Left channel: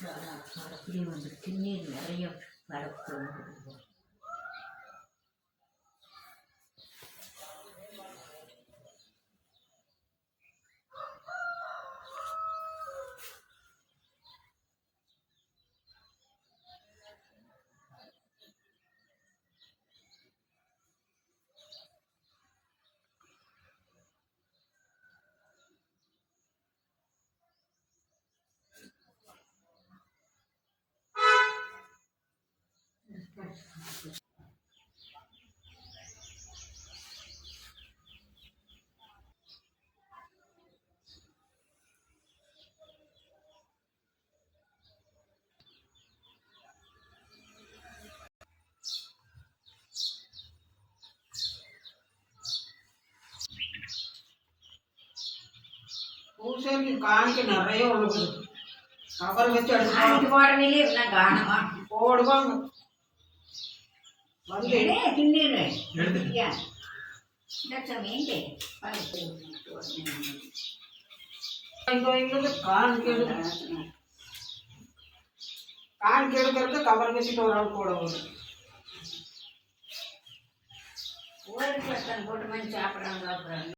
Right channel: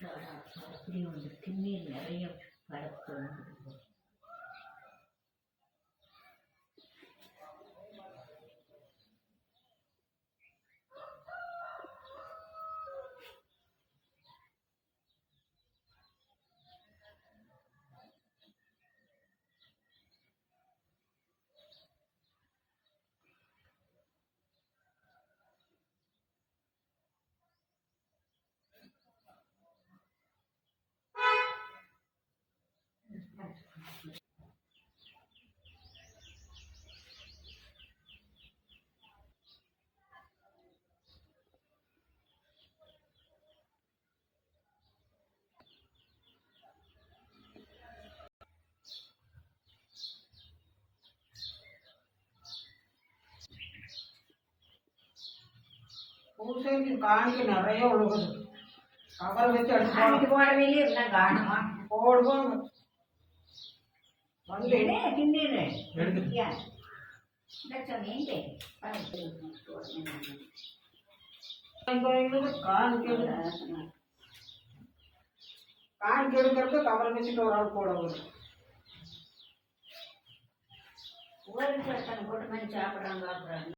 அப்படி வந்து திருநீர் நிறைய வரப்பு. பூசைக்கு காணிக்க நிறைய உழுகுது. கவர் வச்சு அடிச்சு போடவே இருந்தால் காணமா போடுவாங்க. வந்து தின்னு காணிக்க எடுக்கிறது கவர் வச்சுட்டு ஒரு ஆள் போட வரும். ஒரு போட்டு சாப்பிட்றாங்க.